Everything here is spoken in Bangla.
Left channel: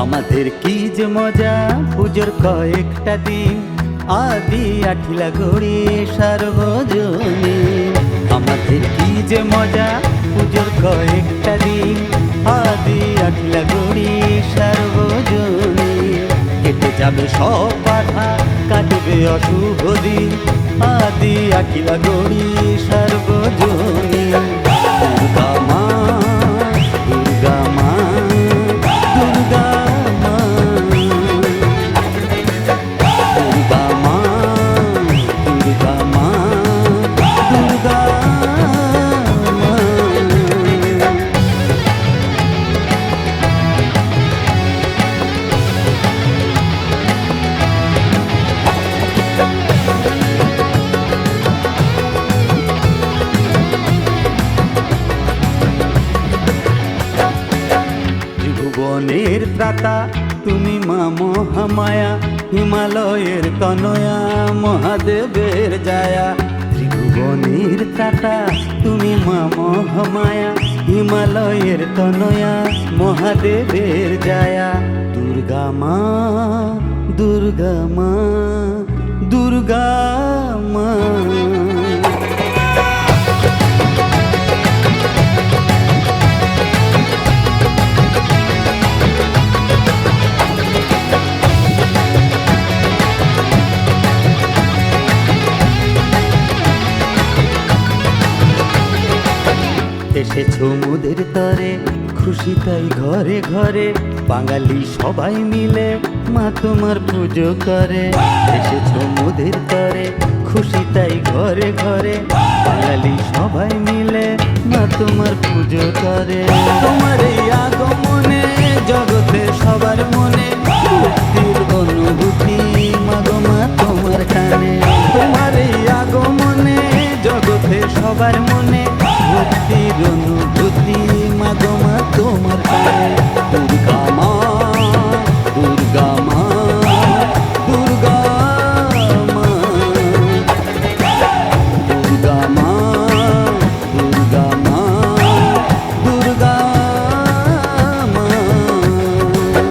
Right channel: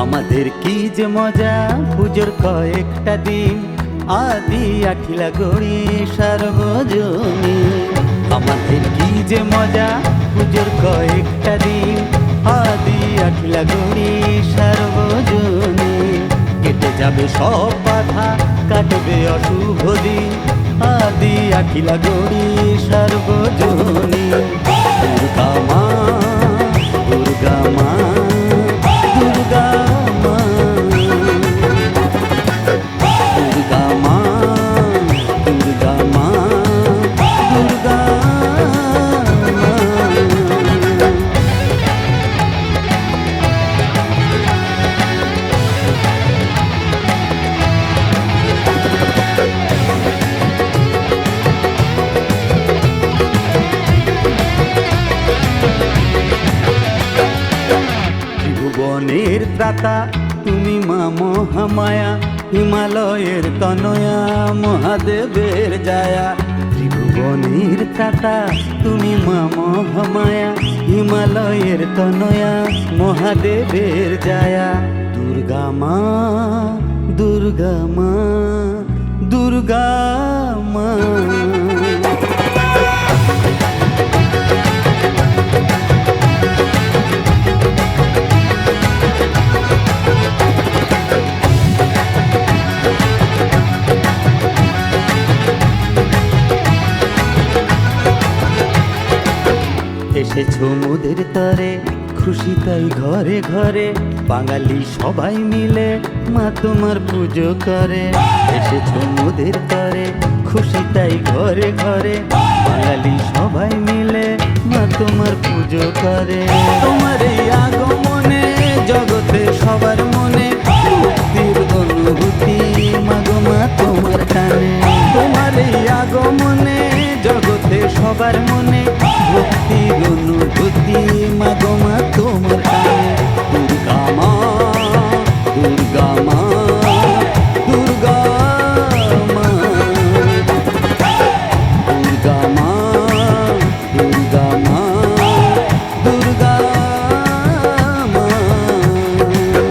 আমাদের কি যে মজা পুজোর কয়েকটা দিন, আদি আঠিলা গড়ি সার্বজনীন। আমাদের কি যে মজা পুজোর কয়েকটা দিন, আদি আঠিলা গড়ি সার্বজনীন। কেটে যাবে সব বাধা, কাটবে অশুভ দিন, আদি আঠিলা গড়ি সার্বজনীন। দুর্গা মা, দুর্গা মা, দুর্গা মা, দুর্গা মা, দুর্গা মা, দুর্গা মা। ত্রিভুবনের ত্রাতা তুমি মা মহামায়া, হিমালয়ের তনয়া মহাদেবের জায়া। ত্রিভুবনের ত্রাতা তুমি মা মহামায়া, হিমালয়ের তনয়া মহাদেবের জায়া। দুর্গা মা, দুর্গা মা, দুর্গা মা। এসেছো মোদের তরে, খুশি তাই ঘরে ঘরে, বাঙালি সবাই মিলে মা তোমার পুজো করে। এসেছো মোদের তরে, খুশি তাই ঘরে ঘরে, বাঙালি সবাই মিলে মা তোমার পুজো করে। তোমার এই আগমনে জগতে সবার মনে মুক্তির অনুভূতি, মাগো মা তোমার টানে। তোমার এই আগমনে জগতে সবার মনে ভক্তির অনুভূতি, মাগো মা তোমার টানে। দুর্গা মা, দুর্গা মা, দুর্গা মা, দুর্গা মা।